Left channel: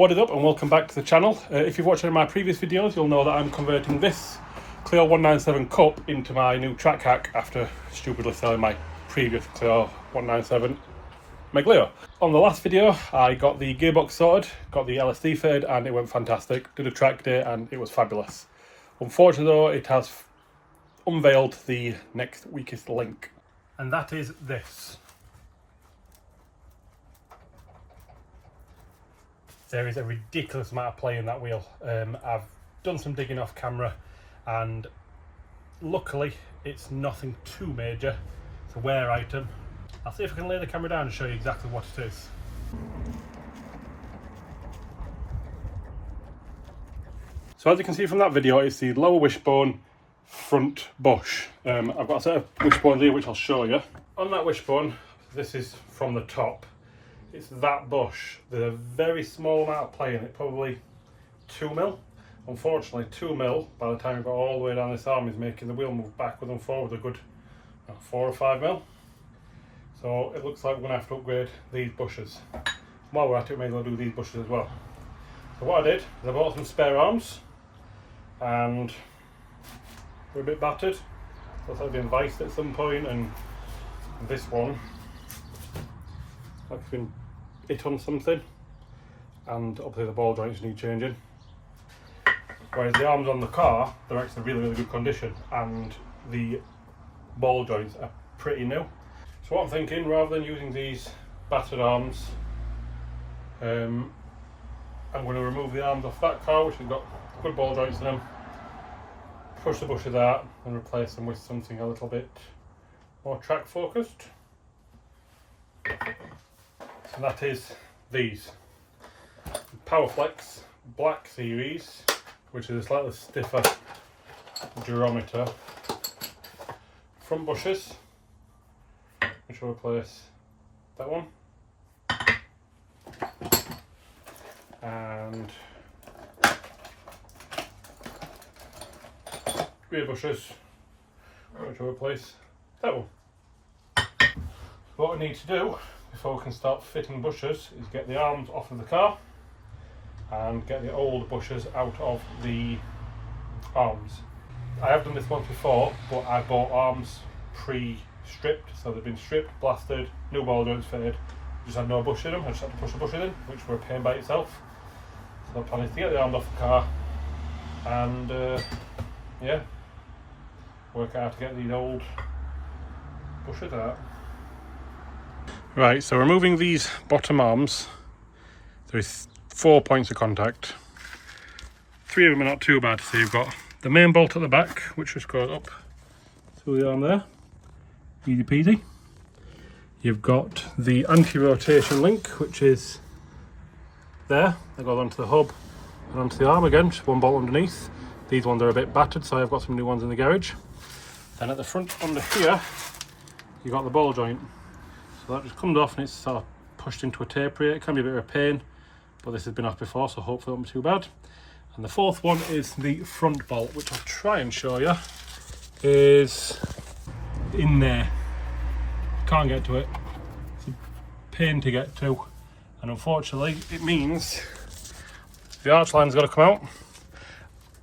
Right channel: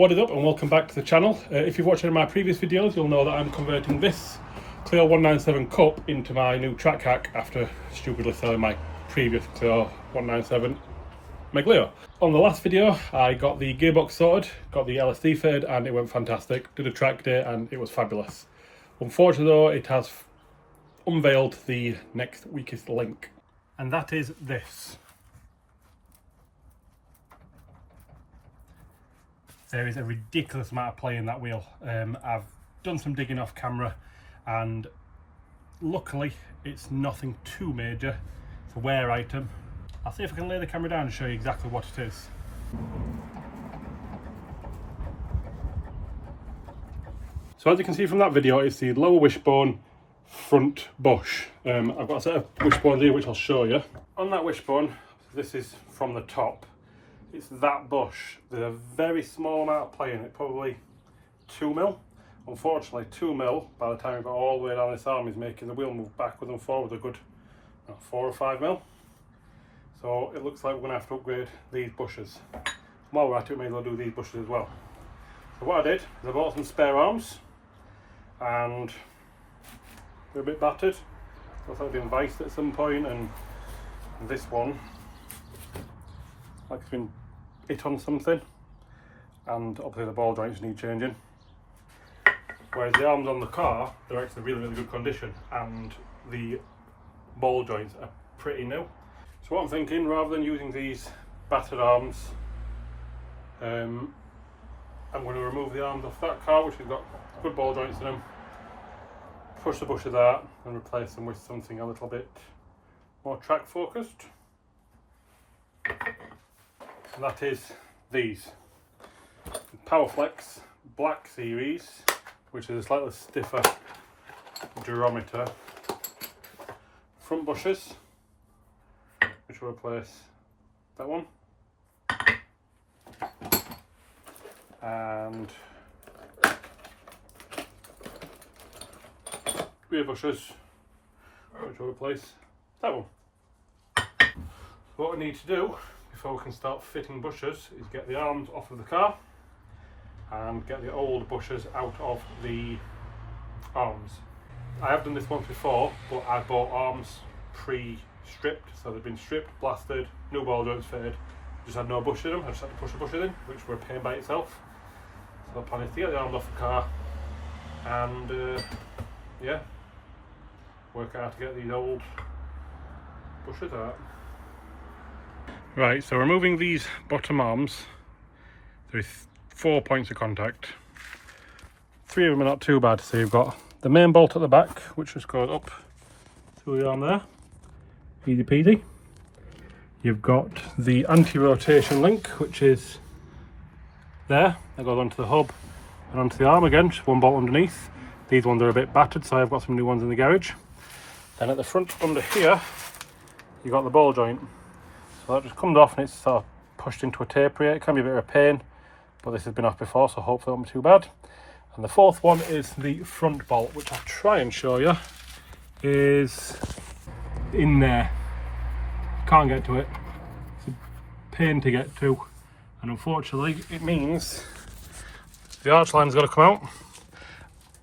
What is up and welcome back to the channel. If you've watched any of my previous videos, you'll know that I'm converting this Clio 197 Cup into my new track hack after stupidly selling my previous Clio 197 Clio. On the last video, I got the gearbox sorted, got the LSD fitted, and it went fantastic. Did a track day and it was fabulous. Unfortunately though, it has unveiled the next weakest link. And that is this. There is a ridiculous amount of play in that wheel. I've done some digging off camera and luckily it's nothing too major. It's a wear item. I'll see if I can lay the camera down and show you exactly what it is. So as you can see from that video, it's the lower wishbone front bush. I've got a set of wishbones here which I'll show you. On that wishbone, this is from the top. It's that bush. There's a very small amount of play in it, probably 2mm. Unfortunately, 2mm by the time we got all the way down this arm is making the wheel move backwards and forwards a good 4 or 5mm. So it looks like we're going to have to upgrade these bushes. While we're at it, we may as well do these bushes as well. So what I did is I bought some spare arms and they're a bit battered. Looks like they've been viced at some point, and this one like it's been hit on something, and obviously the ball joints need changing. Whereas the arms on the car, they're actually really good condition and the ball joints are pretty new. So what I'm thinking, rather than using these battered arms, I'm going to remove the arms off that car which has got good ball joints in them, push the bushes out and replace them with something a little bit more track focused. And that is these Powerflex Black Series, which is a slightly stiffer durometer front bushes, which will replace that one, and rear bushes, which will replace that one. So what we need to do before we can start fitting bushes is get the arms off of the car and get the old bushes out of the arms. I have done this once before, but I bought arms pre-stripped, so they've been stripped, blasted, new ball joints fitted, just had no bush in them. I just had to push the bushes in, which were a pain by itself. So the plan is to get the arms off the car and yeah, work out how to get these old bushes out. Right, so removing these bottom arms, there is 4 points of contact. 3 of them are not too bad. So you've got the main bolt at the back, which just goes up through the arm there, easy peasy. You've got the anti-rotation link, which is there, that goes onto the hub and onto the arm again, just one bolt underneath. These ones are a bit battered, so I've got some new ones in the garage. Then at the front under here, you've got the ball joint. So that just comes off and it's sort of pushed into a taper here. It can be a bit of a pain, but this has been off before, so hopefully it won't be too bad. And the fourth one is the front bolt, which I'll try and show you, is in there. Can't get to it. It's a pain to get to, and unfortunately it means the arch line's got to come out,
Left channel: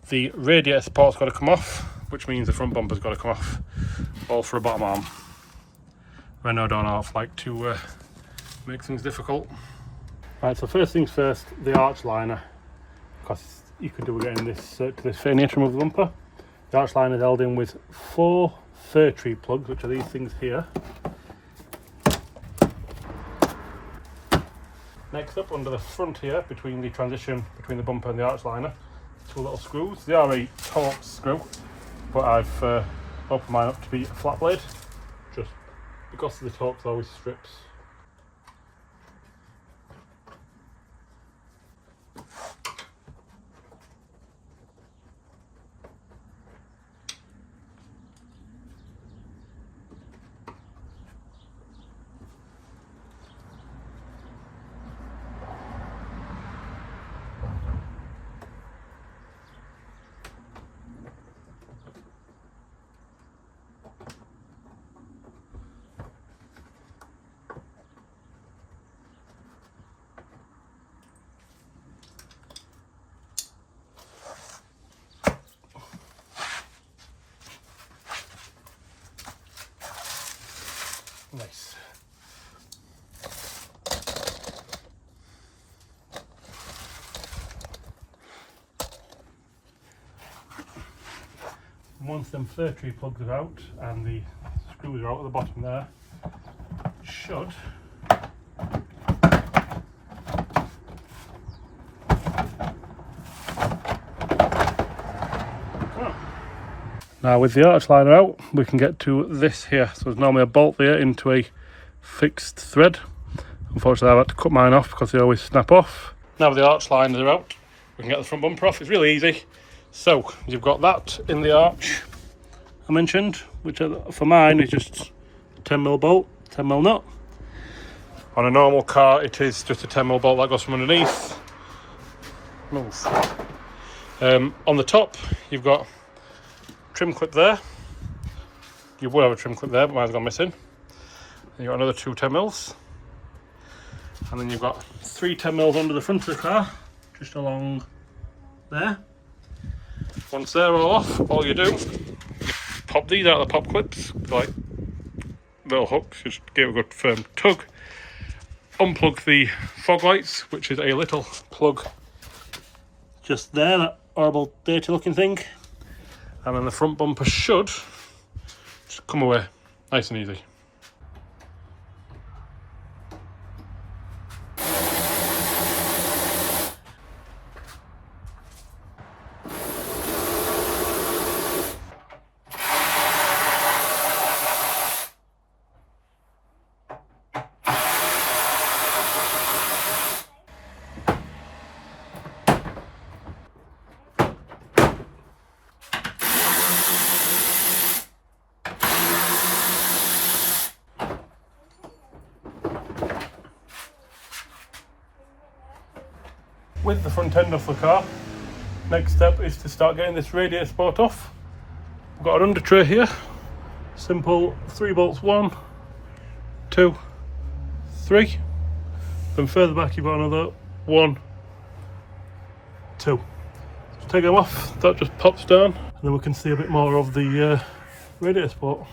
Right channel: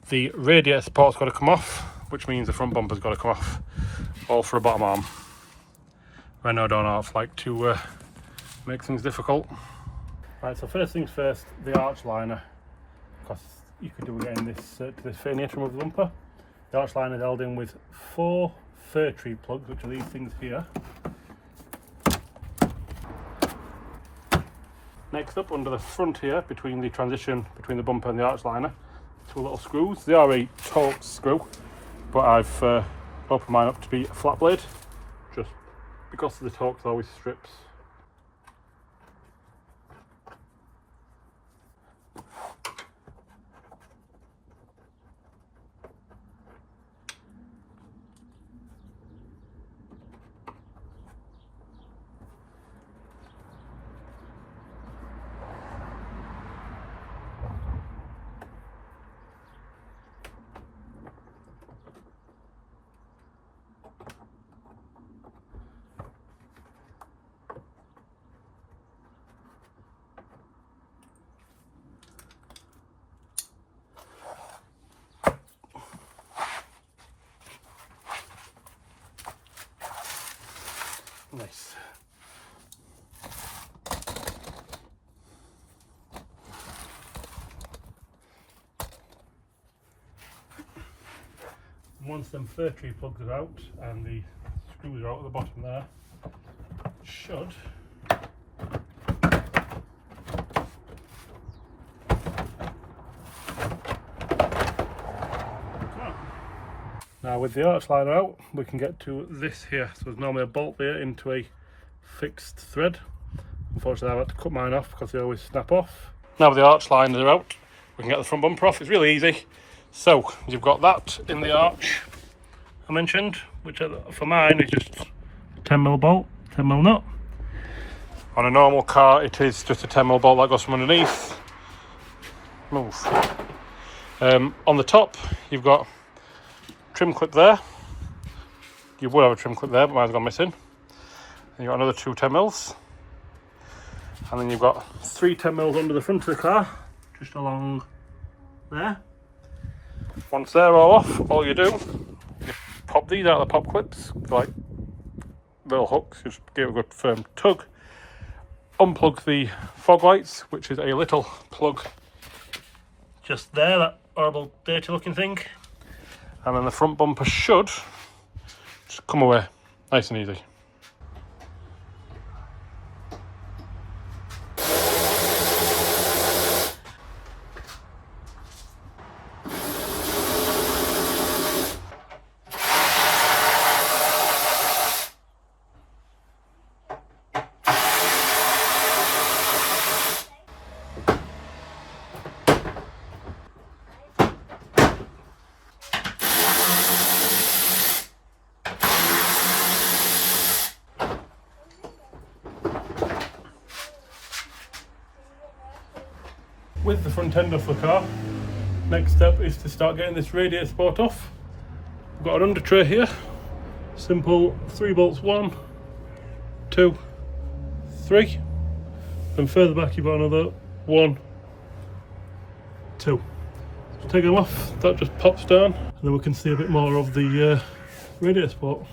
the radiator support's got to come off, which means the front bumper's got to come off, all for a bottom arm. Renault don't like to make things difficult. Right, so first things first, the arch liner, because you could do with getting this to this fitting here to remove the bumper. The arch liner is held in with 4 fir tree plugs, which are these things here. Next up, under the front here, between the transition between the bumper and the arch liner, 2 little screws. They are a Torx screw, but I've opened mine up to be a flat blade, just because the Torx always strips. once them fir tree plugs are out and the screws are out at the bottom there, should now with the arch liner out, we can get to this here. So there's normally a bolt there into a fixed thread. Unfortunately, I've had to cut mine off because they always snap off. Now with the arch liners are out, we can get the front bumper off. It's really easy. So you've got that in the arch I mentioned, which for mine is just a 10mm bolt, 10mm nut. On a normal car, it is just a 10mm bolt that goes from underneath. Move. On the top, you've got trim clip there. You would have a trim clip there, but mine's gone missing. And you've got another 2 10mm. And then you've got 3 10mm under the front of the car, just along there. Once they're all off, all you do, you pop these out of the pop clips, like little hooks, just give it a good firm tug. Unplug the fog lights, which is a little plug just there, that horrible dirty looking thing. And then the front bumper should just come away nice and easy. With the front end off the car, next step is to start getting this radiator support off. I've got an under tray here, simple 3 bolts, 1, 2, 3. Then further back you've got another 1, 2. Just take them off, that just pops down, and then we can see a bit more of the radiator support.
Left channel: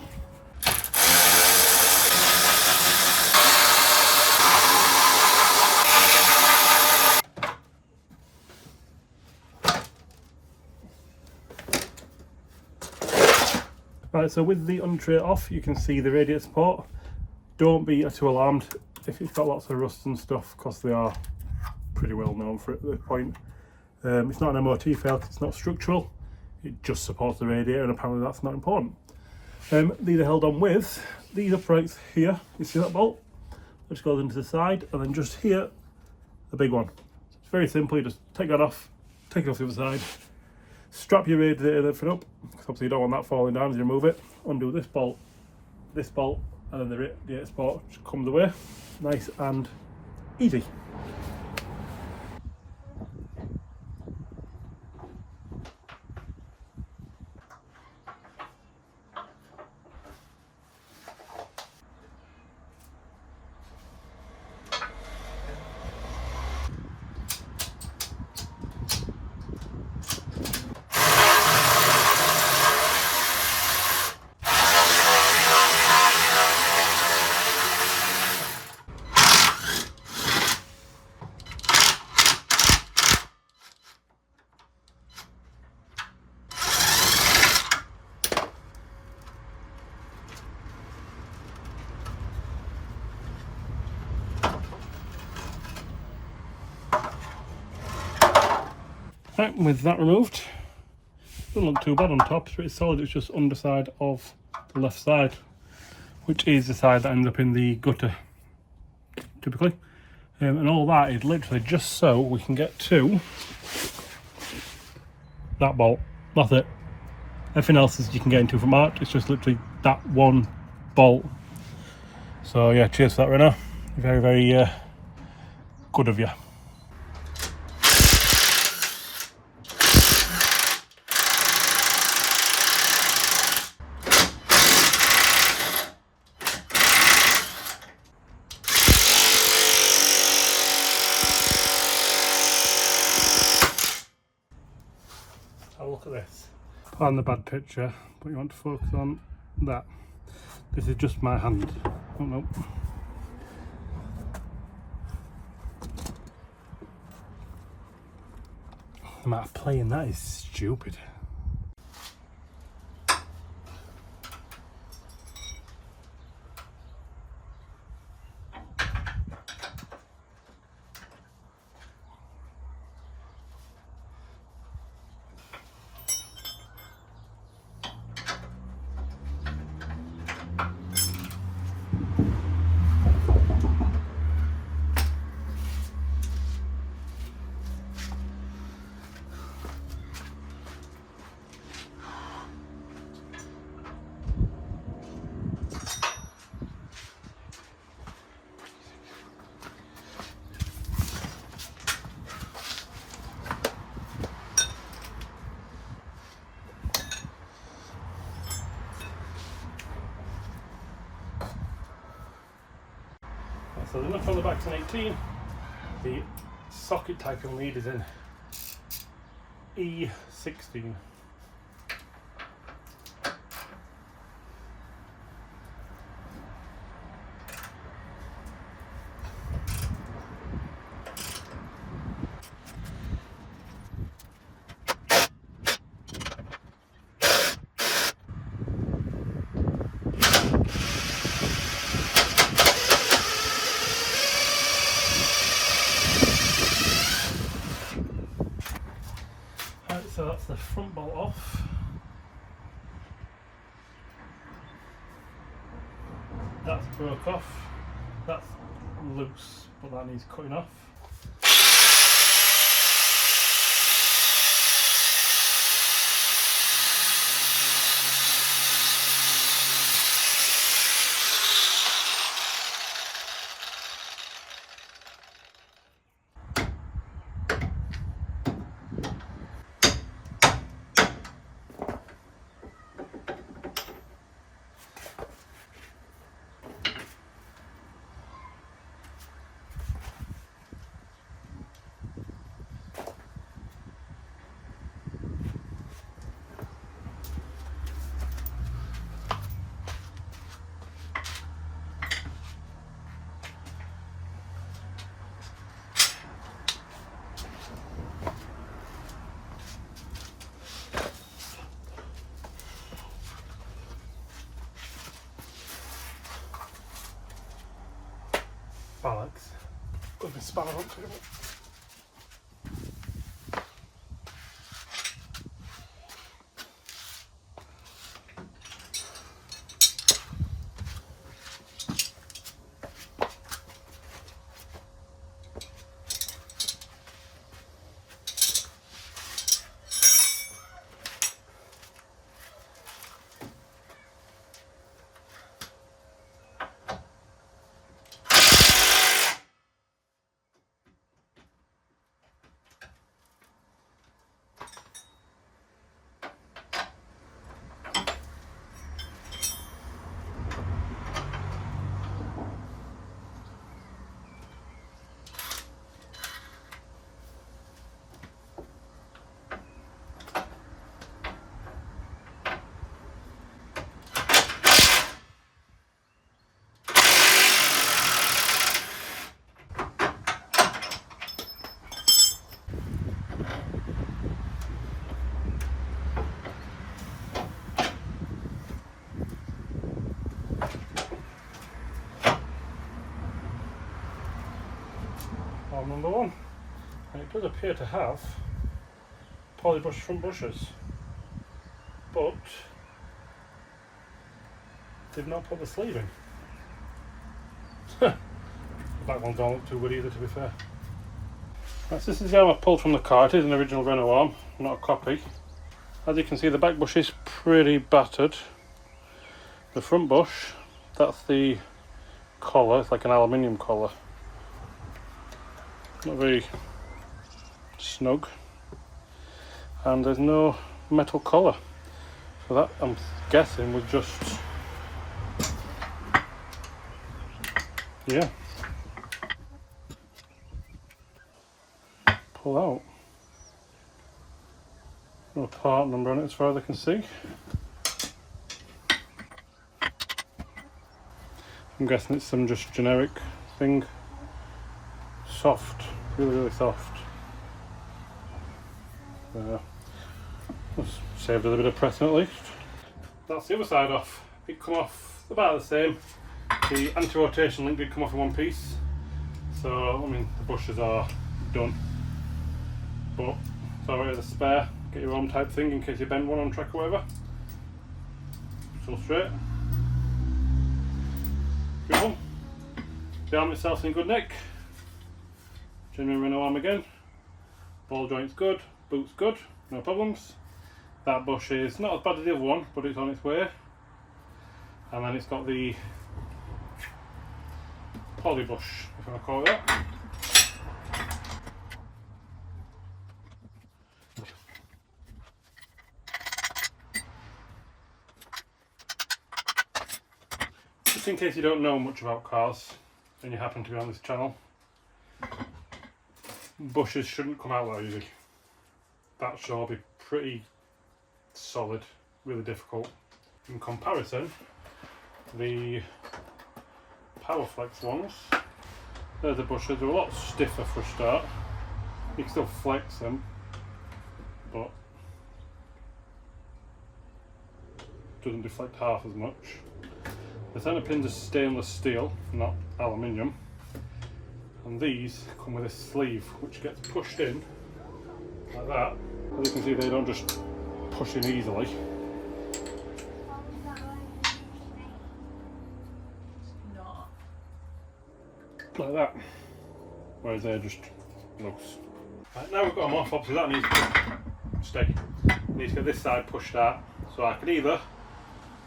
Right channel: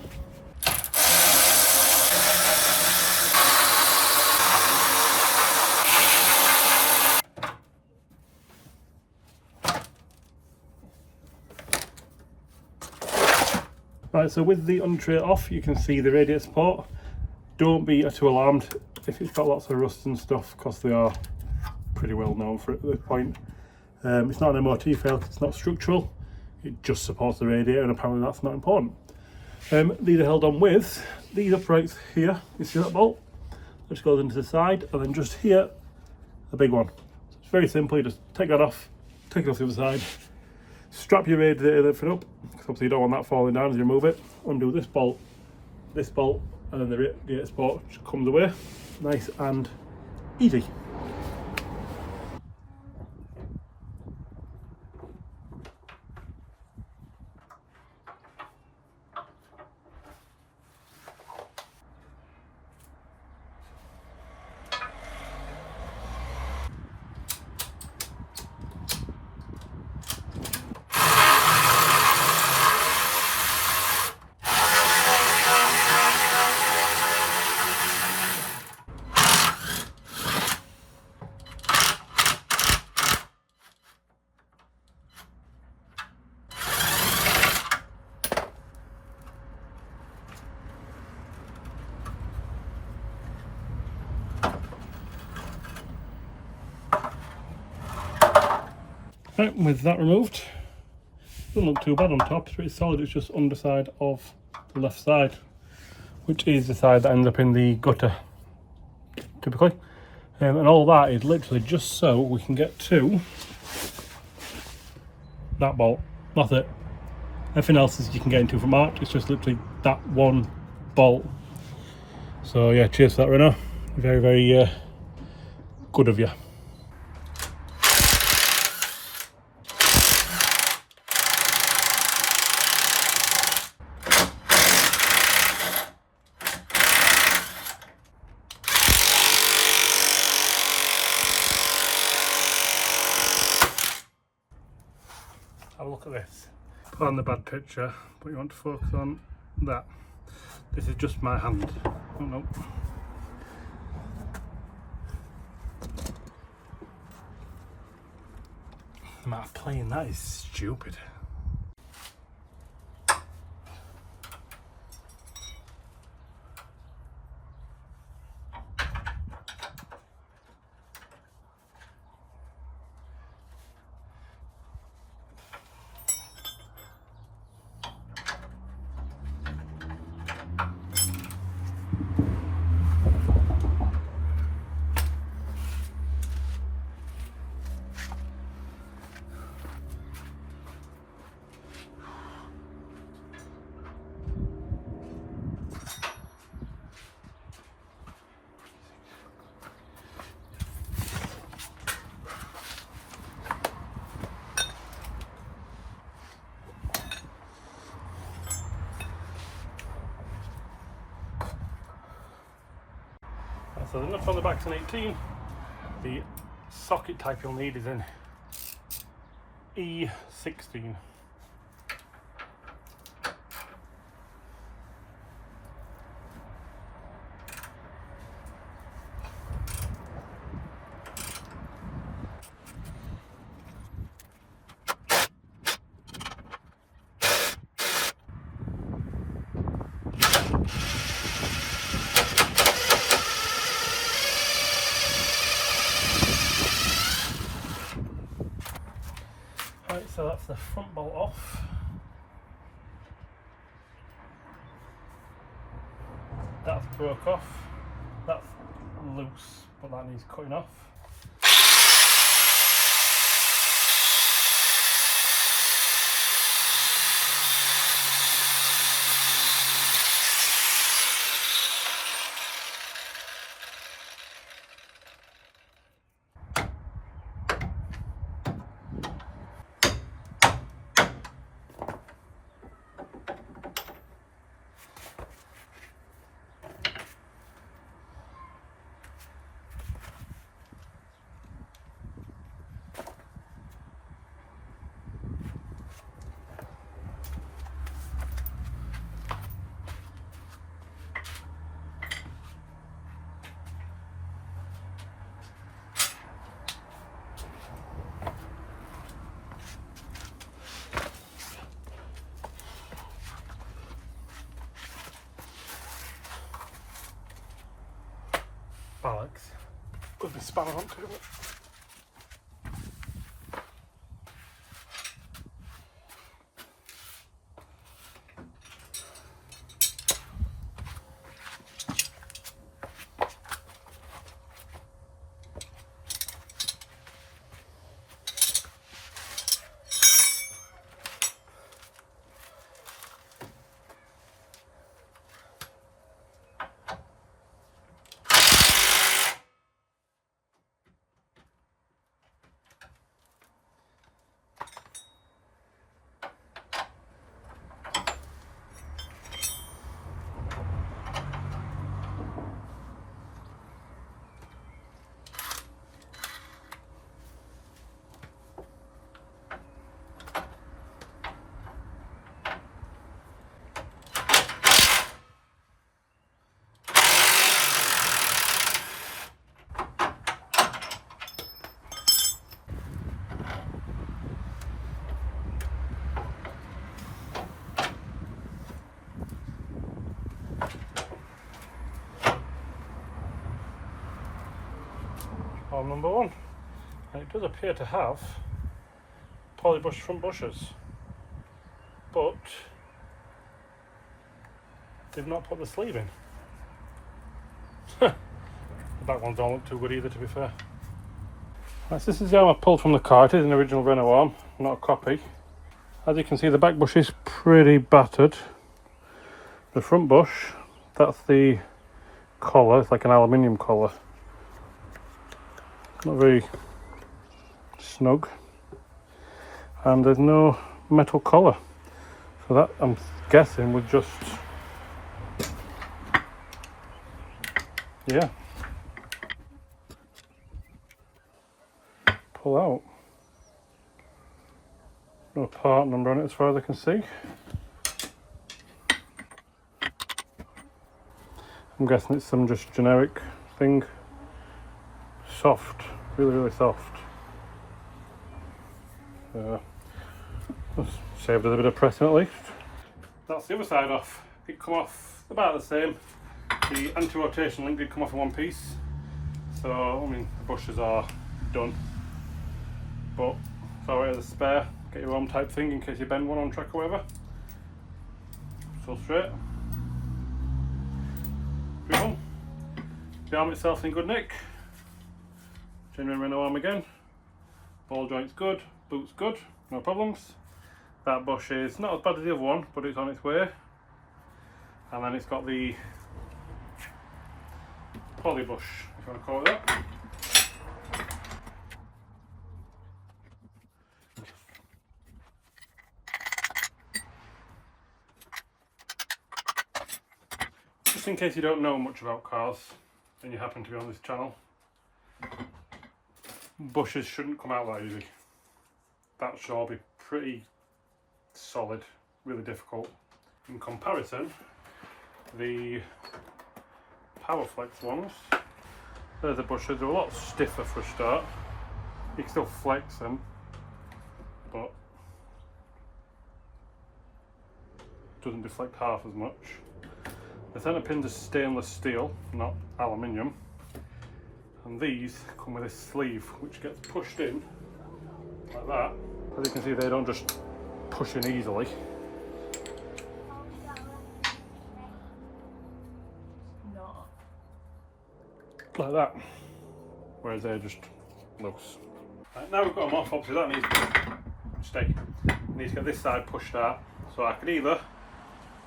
Right, so with the under tray off, you can see the radiator support. Don't be too alarmed if it's got lots of rust and stuff, because they are pretty well known for it at this point. It's not an MOT fail, it's not structural, it just supports the radiator, and apparently that's not important. These are held on with these uprights here. You see that bolt? That just goes into the side, and then just here, a big one. It's very simple, you just take that off, take it off the other side, strap your radiator up, because obviously you don't want that falling down as you remove it. Undo this bolt, and then the radiator support just comes away. Nice and easy. Right, with that removed, doesn't look too bad on top, it's pretty solid. It's just underside of the left side, which is the side that ends up in the gutter typically, and all that is literally just so we can get to that bolt. That's it. Everything else is you can get into from March. It's just literally that one bolt. So yeah, cheers for that, Renault. Very, very good of you. Have a look at this. Pardon the bad picture, but you want to focus on that. This is just my hand. Oh no. The amount of playing that is stupid. top on the back's an 18. The socket type you'll need is in E16. Right, so that's the front bolt off. That's broke off. That's loose, but that needs cutting off. Alex, with the spanner onto it. Problem number one. And it does appear to have polybush front bushes, but they've not put the sleeve in. That one don't look too good either, to be fair. Right, so this is the arm I pulled from the car. It is an original Renault arm, not a copy. As you can see, the back bush is pretty battered. The front bush, that's the collar, it's like an aluminium collar. Not very snug, and there's no metal collar, so that I'm guessing would just, yeah, pull out. No part number on it as far as I can see. I'm guessing it's some just generic thing. Soft, really soft. Saved us a bit of pressing at least. That's the other side off. It come off about the same. The anti-rotation link did come off in one piece, so I mean the bushes are done, but it's alright as a spare. Get your own type thing in case you bend one on track or whatever. So straight. Beautiful. The arm itself in good nick. Genuine Renault arm again. Ball joint's good, boot's good, no problems. That bush is not as bad as the other one, but it's on its way. And then it's got the polybush, if you want to call it that. Just in case you don't know much about cars, and you happen to be on this channel, bushes shouldn't come out that easy. That should be pretty solid, really difficult. In comparison, the Powerflex ones, they're the bushes, they're a lot stiffer for a start. You can still flex them, but doesn't deflect half as much. The centre pins are stainless steel, not aluminium, and these come with a sleeve which gets pushed in like that. As you can see, they don't just push in easily. Like that, whereas they're just loose. Right, now we've got them off, obviously that needs to stay. Needs to get this side pushed out, so I could either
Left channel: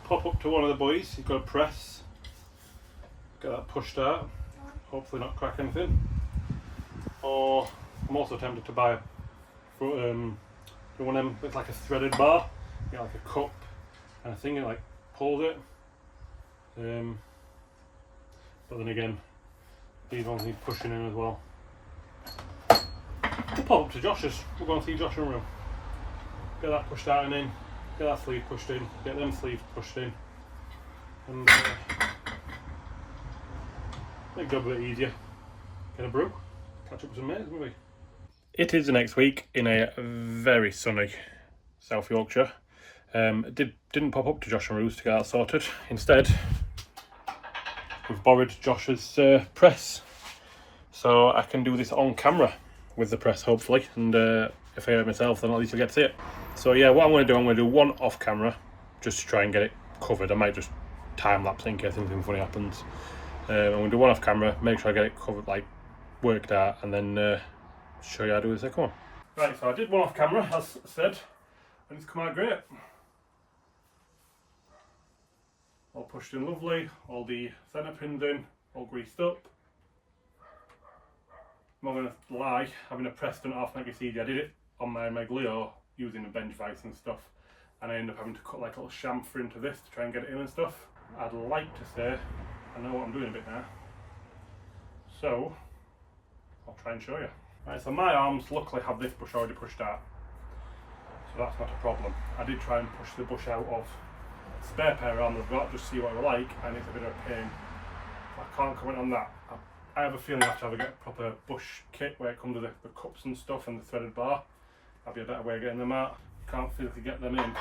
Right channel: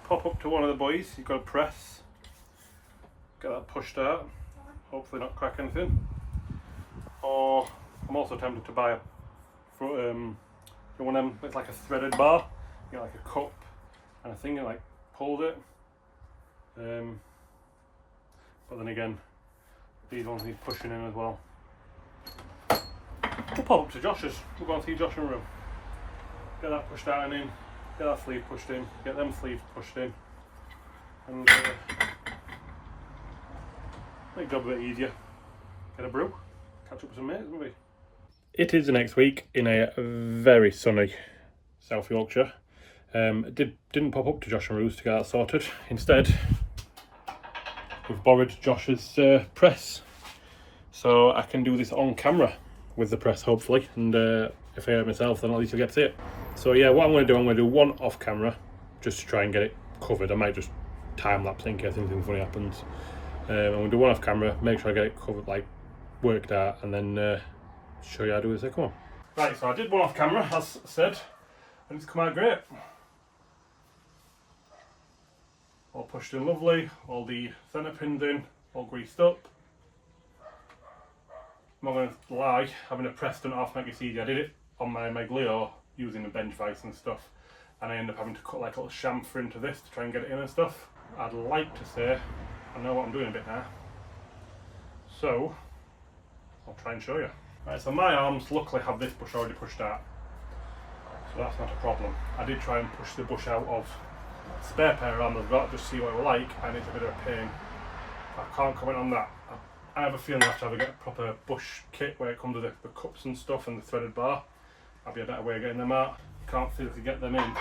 pop up to one of the boys, you've got to press, get that pushed out, hopefully not crack anything. Or I'm also tempted to buy one of them, it's like a threaded bar, you get like a cup and a thing, it like pulls it. But then again, these ones need pushing in as well. We'll pop up to Josh's, we'll go and see Josh in the room. Get that pushed out and in, get that sleeve pushed in, get them sleeves pushed in, and make the job a bit easier. Get a brew, catch up with some mates, maybe. It is the next week in a very sunny South Yorkshire. Didn't pop up to Josh and Ruth to get that sorted. Instead, we've borrowed Josh's press, so I can do this on camera with the press hopefully, and if I hear it myself then at least you'll get to see it. So yeah, what I'm going to do one off camera just to try and get it covered. I might just time lapse in case anything funny happens. I'm going to do one off camera, make sure I get it covered, like worked out, and then show you how to do the second one. Right, so I did one off camera as I said, and it's come out great. All pushed in lovely, all the centre pins in, all greased up. I'm not going to lie, having a press done off makes it easy. I did it on my Clio using a bench vise and stuff, and I ended up having to cut like a little chamfer into this to try and get it in and stuff. I'd like to say I know what I'm doing a bit now, so I'll try and show you. Right, so my arms luckily have this bush already pushed out, so that's not a problem. I did try and push the bush out of a spare pair of arms I've got, just see what it were like, and it's a bit of a pain. I can't comment on that. I have a feeling I have to get a proper bush kit where it comes with the cups and stuff and the threaded bar. That'd be a better way of getting them out. Can't physically get them in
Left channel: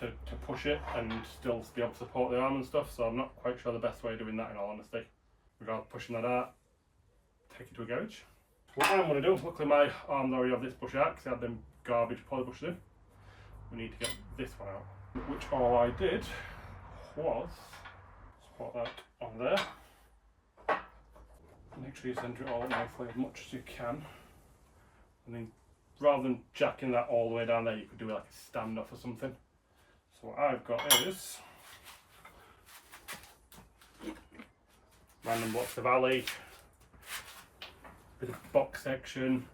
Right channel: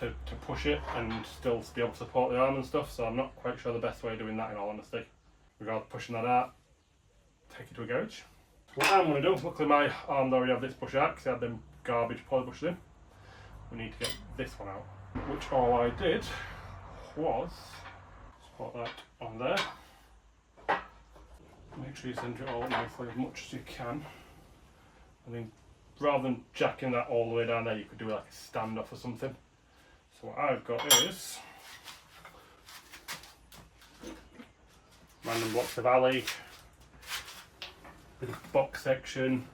to push it and still be able to support the arm and stuff, so I'm not quite sure the best way of doing that in all honesty. Without pushing that out, take it to a garage. What I'm going to do, luckily my arms already have this bush out because I had them garbage polybushes in. We need to get this one out, which all I did was spot that on there. Make sure you center it all nicely as much as you can. I mean, rather than jacking that all the way down there, you could do like a standoff or something. So what I've got is random blocks of alley, bit of box section,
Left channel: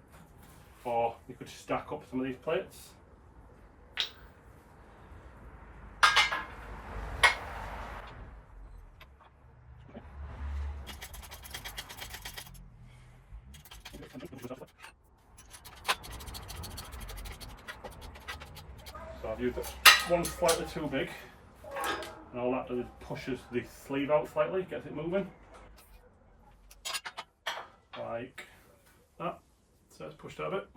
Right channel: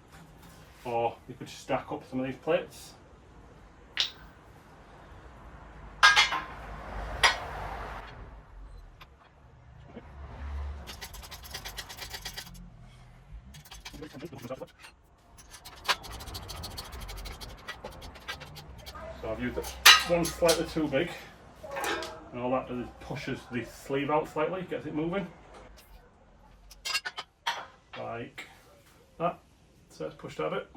or you could stack up some of these plates. So I've used one slightly too big, and all that does is pushes the sleeve out slightly, gets it moving. Like that. So it's pushed out a bit.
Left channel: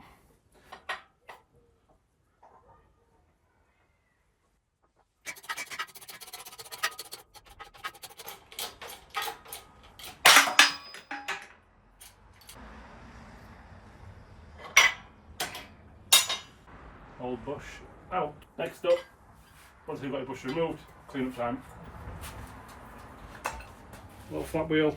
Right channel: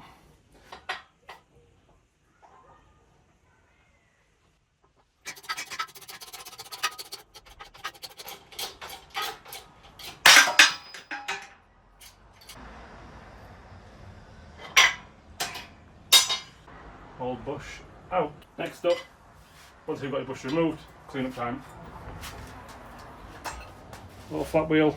Old bush out. Next up, once you've got your bush removed, clean up time. Little flat wheel.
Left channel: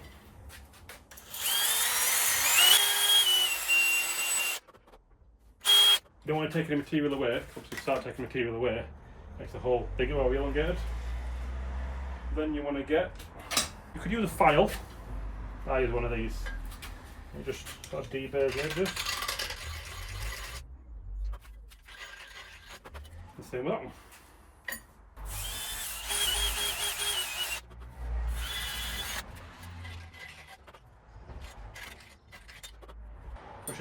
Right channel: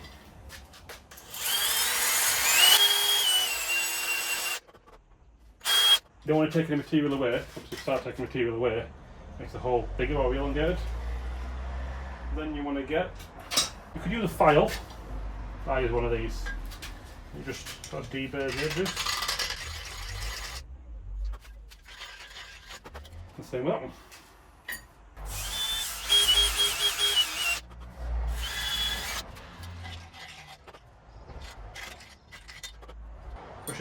You don't want to take any material away, once you start taking material away, makes the hole bigger or elongated. Then you want to get, you could use a file. I use one of these. You just sort of deburr the edges. And same that one.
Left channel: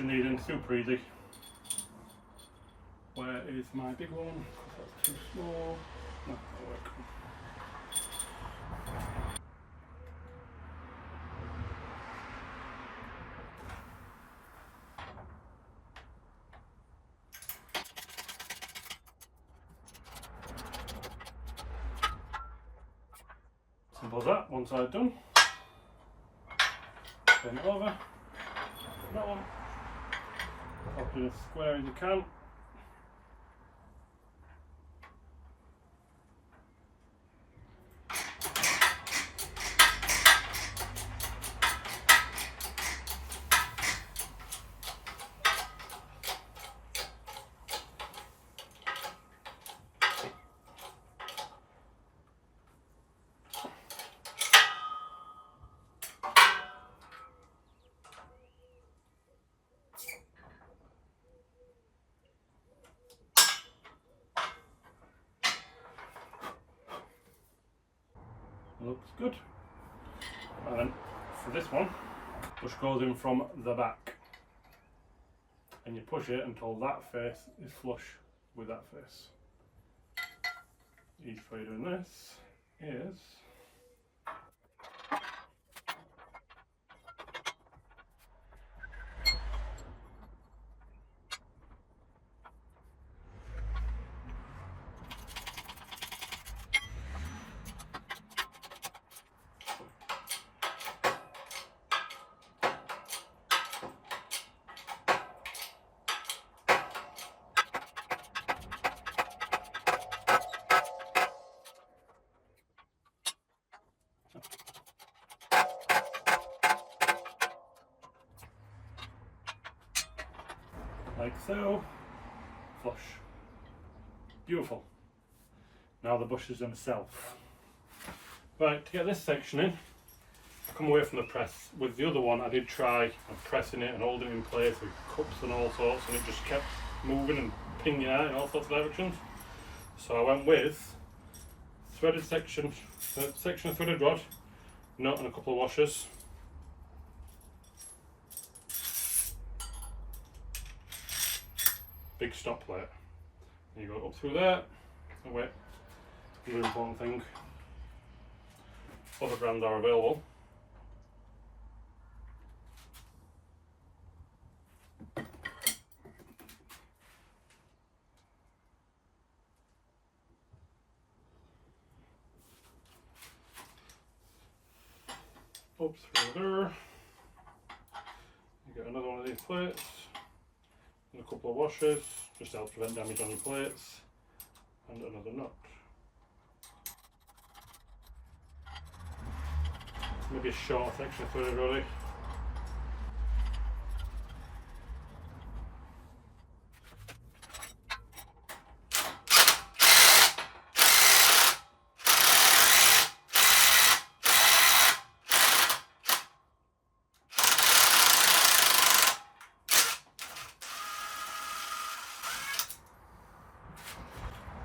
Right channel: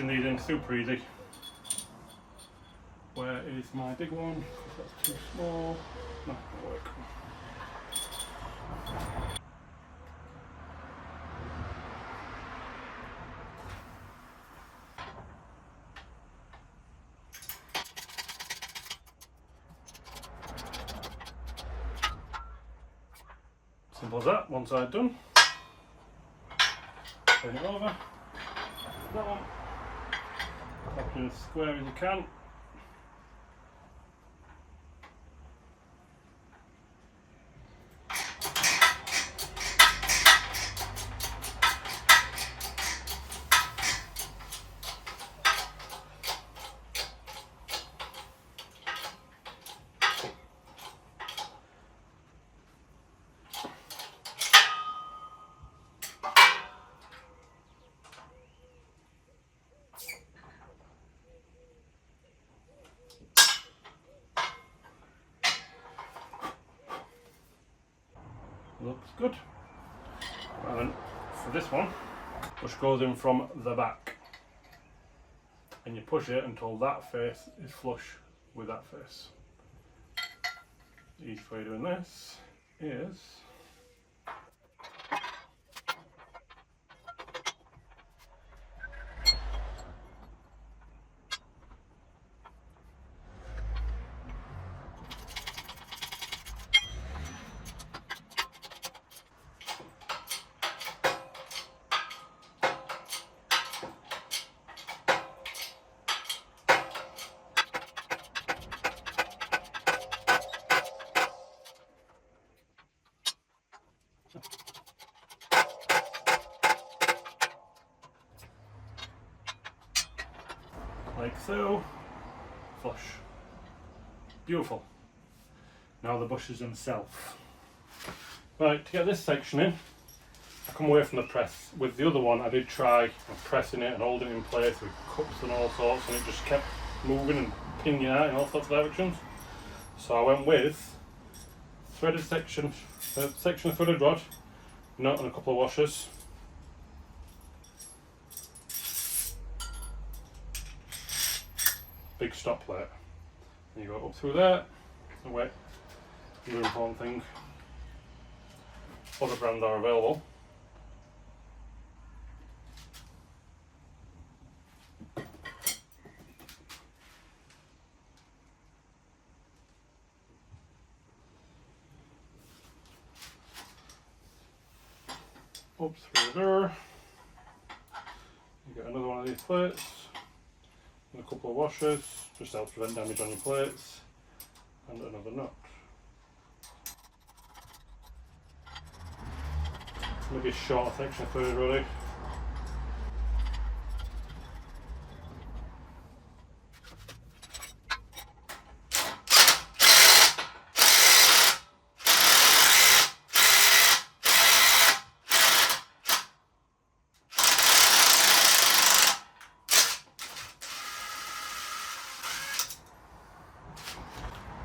pushing these in super easy. Where is my big one? That's too small. No, that'll work. Simple as that. One side done. Turn it over. That one. Pop it in as square as you can. Looks good. And for this one, push goes in from the back, and you push it until that face is flush with that face. The easiest way of doing this is like so, flush. Beautiful. Now the bushes themselves. Right, to get this section in, I come away from the press. With the other one I did try pressing it and holding it in place with cups and all sorts, and it just kept moving and pinging out in all sorts of directions. So I went with threaded section of threaded rod, nut and a couple of washers. Big stop plate. And you go up through there, and wait. Another important thing, other brands are available. Up through there, you get another one of these plates, and a couple of washers, just to help prevent damage on your plates, and another nut. Maybe a short section of threaded really.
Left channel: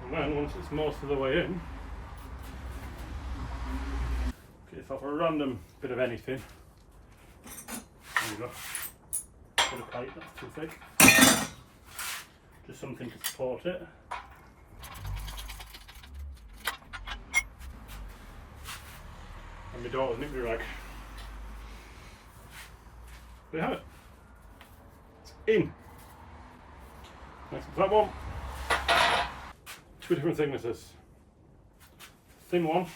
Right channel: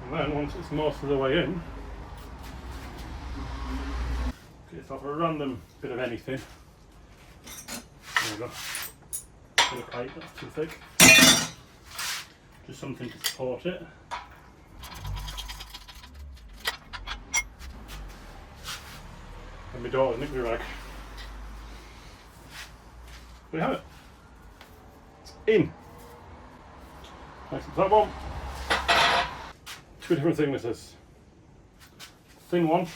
And then once it's most of the way in, get yourself a random bit of anything. There you go. Bit of pipe that's too thick. Just something to support it. And my daughter's knickers rag. There you have it. It's in. Next to that one. Two different thicknesses. Thin one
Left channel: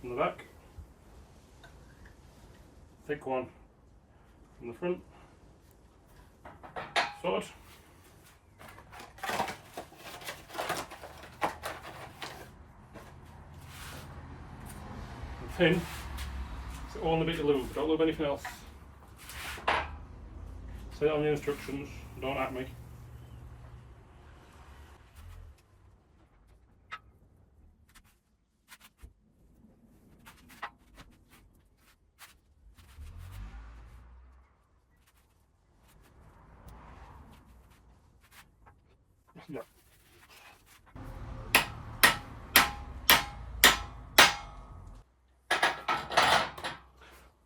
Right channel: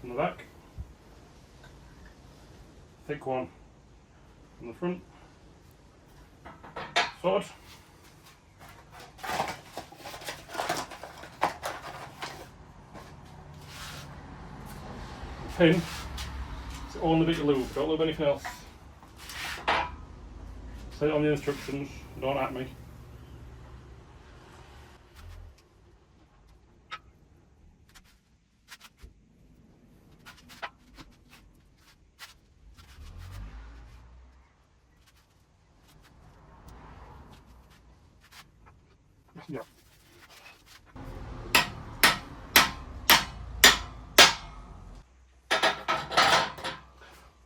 from the back, thick one from the front. Sword. The pin, it's the only bit you lube, don't lube anything else. Say it on the instructions, don't at me. Yeah.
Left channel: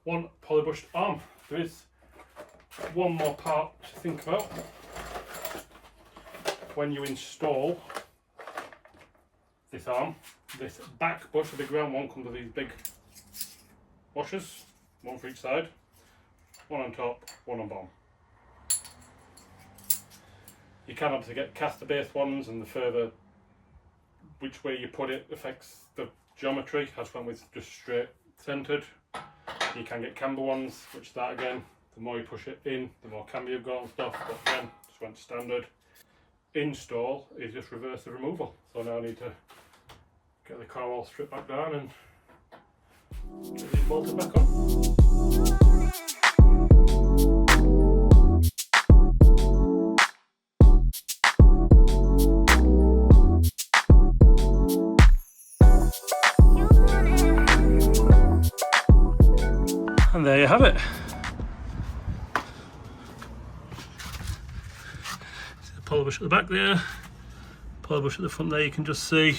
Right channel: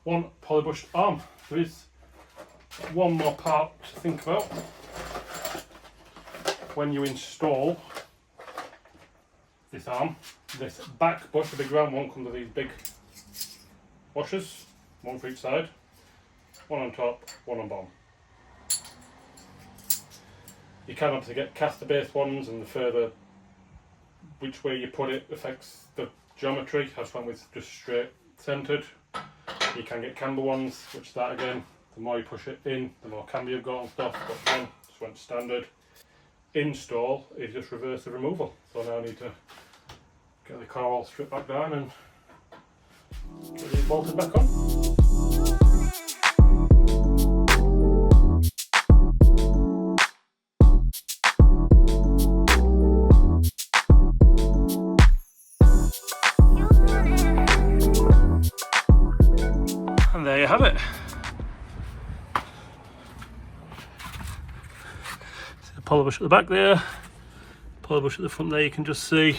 One polybush arm. There is one more part to think about. When you install this arm, this back bush, the big round one, comes with these big bushers, one for each side, one on top, one on bottom. You can obviously get caster based ones, and the further which way you put it affects the geometry. I just went with just straight centered. You can get camber ones, which that again, the more you push it in, the more camber you've got and stuff, but then just went standard. Install is just reverse the removal. So now I need to get the car all stripped back down and get it bolted back on. And there you have it. Polybush at the back there, polybush at the front there. You can just see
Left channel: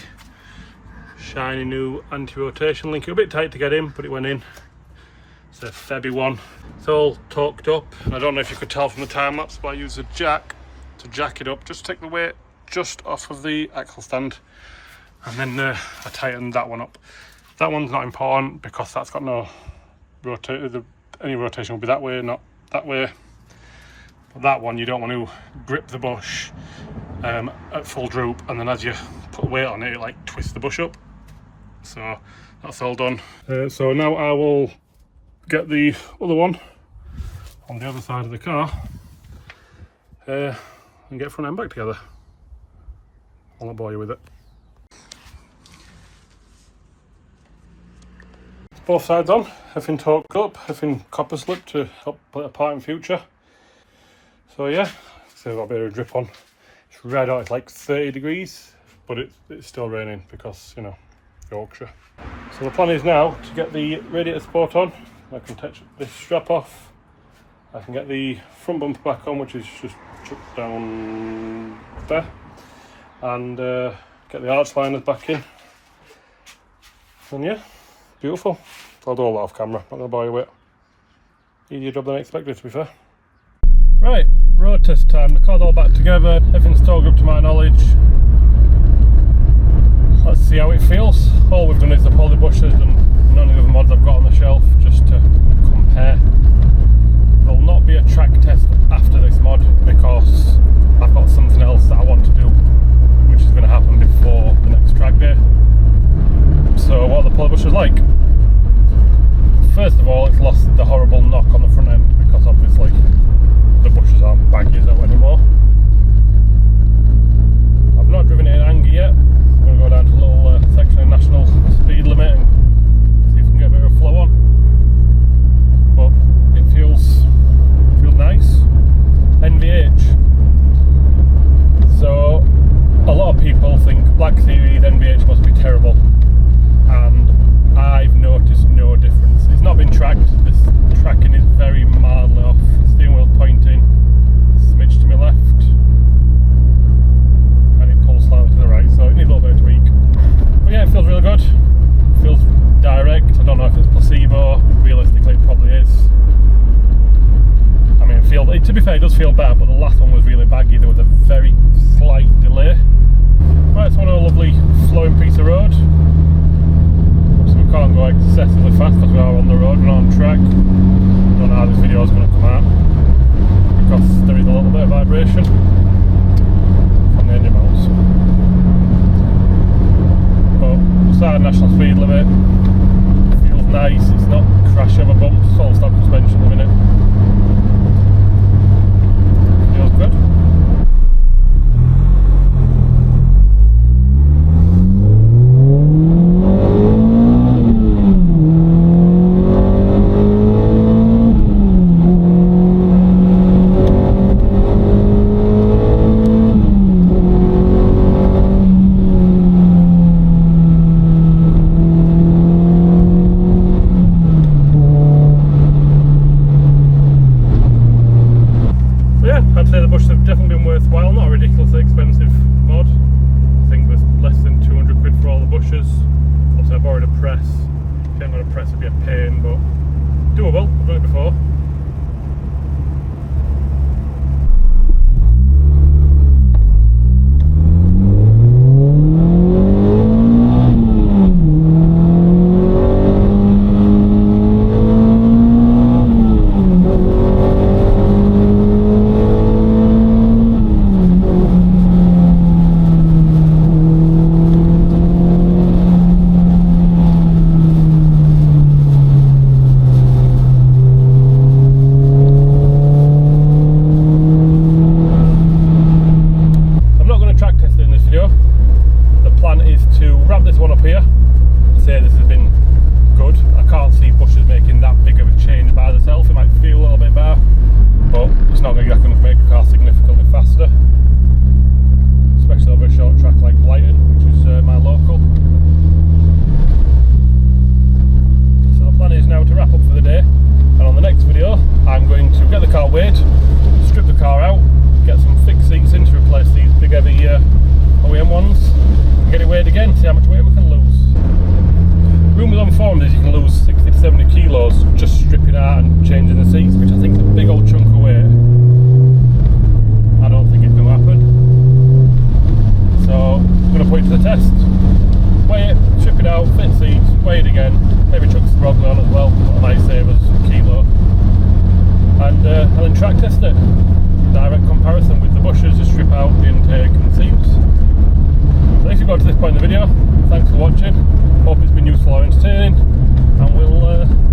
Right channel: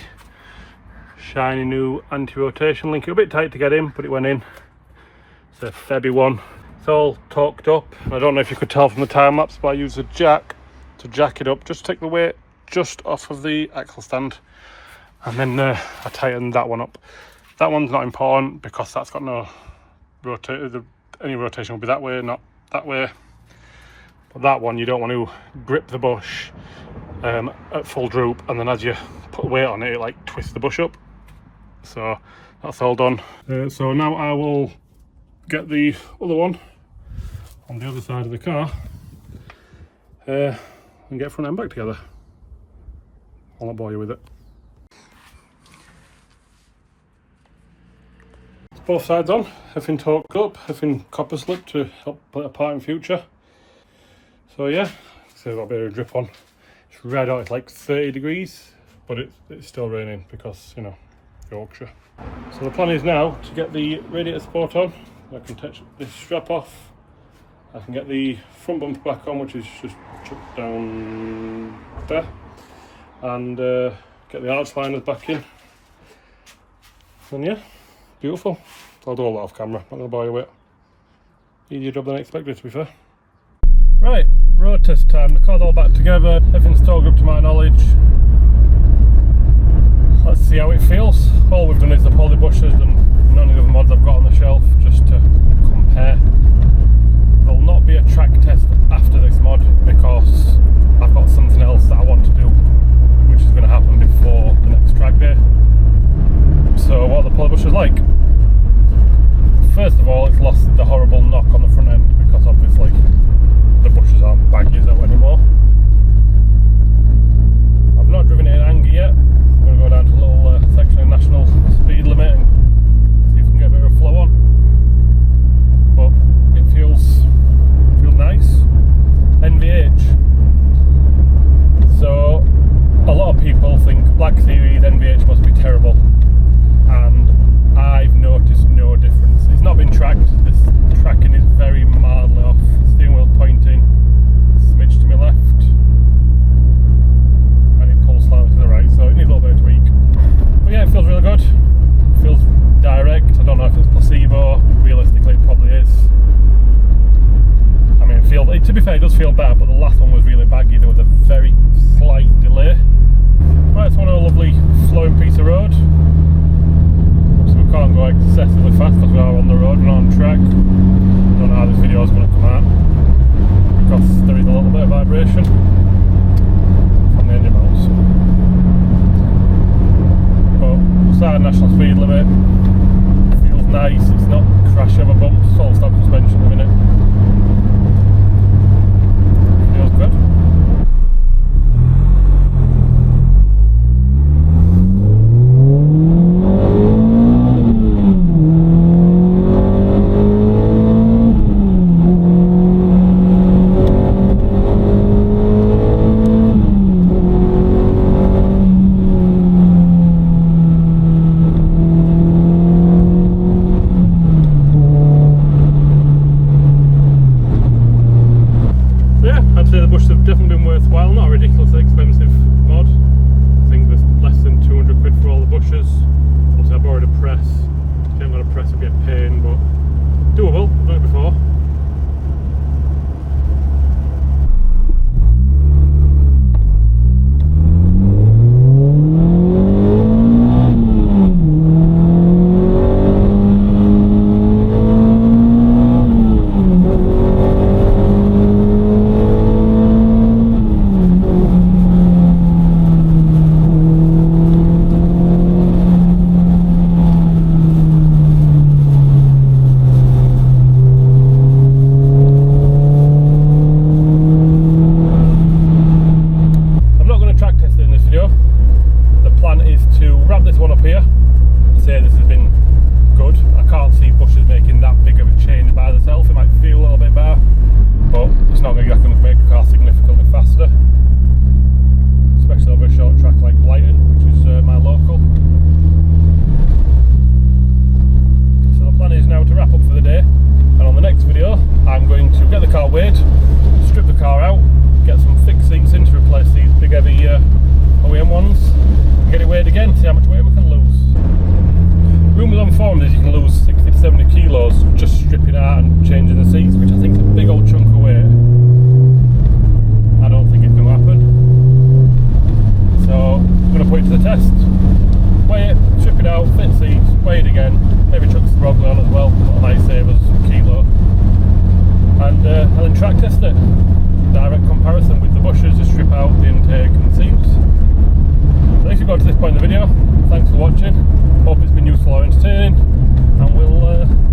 shiny new anti-rotation link. It was a bit tight to get in, but it went in. It's a Febby one. It's all torqued up, and I don't know if you could tell from the time lapse, but I use a jack to jack it up, just to take the weight just off of the axle stand, and then I tightened that one up. That one's not important because that's got no rotation. Any rotation will be that way, not that way. But that one, you don't want to grip the bush at full droop, and then as you put weight on it, it like twists the bush up. So that's all done. So now I will get the other one on the other side of the car and get front and back together. I'll not bore you with it. Both sides on, everything torqued up, everything copper slipped to help put it apart in future. So yeah, so I've got a bit of a drip on. It's red out, it's like 30 degrees, but it's still raining because, you know, Yorkshire. So the plan is now to get the radiator support on. I can touch this strap off. I can get the front bumper back on, which is just chucked down there. And get the arch liners back in. And yeah, beautiful. So I'll do all that off camera, not going to bore you with it. Easier job than I expected, to be fair. Right, road test time. The car's all back together, everything's still good to my knowledge. Let's see how it feels. All we've done is the polybushes and none of the other mods I've got on the shelf, just to compare. There'll not be a track test after this mod because I've got something else that I want to do, which is going to happen before the next track day. So what are the polybushes like? First of all, it's lost the horrible knock on the front end because obviously the bushes aren't baggy as that anymore. I've not driven it in anger yet. I'm going to go down to a little section of national speed limit and see if we can get a bit of a flow on. But it feels nice. NVH. So a lot of people think Black Series NVH must be terrible, and I've noticed no difference. It's not been tracked. This tracking is very mildly off. Steering wheel pointing, smidge to my left, and it pulls slightly to the right, so it needs a little bit of tweak. But yeah, it feels really good. It feels direct. I don't know if it's placebo. Realistically, it probably is. I mean, to be fair, it does feel better, but the last one was really baggy. There was a very slight delay. Right, it's on a lovely flowing piece of road. So we can't go excessively fast because we are on the road, we're not on track. I don't know how this video is going to come out because there is a little bit of vibration from the engine mounts. But we started national speed limit. Feels nice. It's not crash over bumps. It's all stop suspension at the minute. Feels good. intake and seals. So if you got to this point in the video, thanks for watching. Hope it's been useful or entertaining, and we'll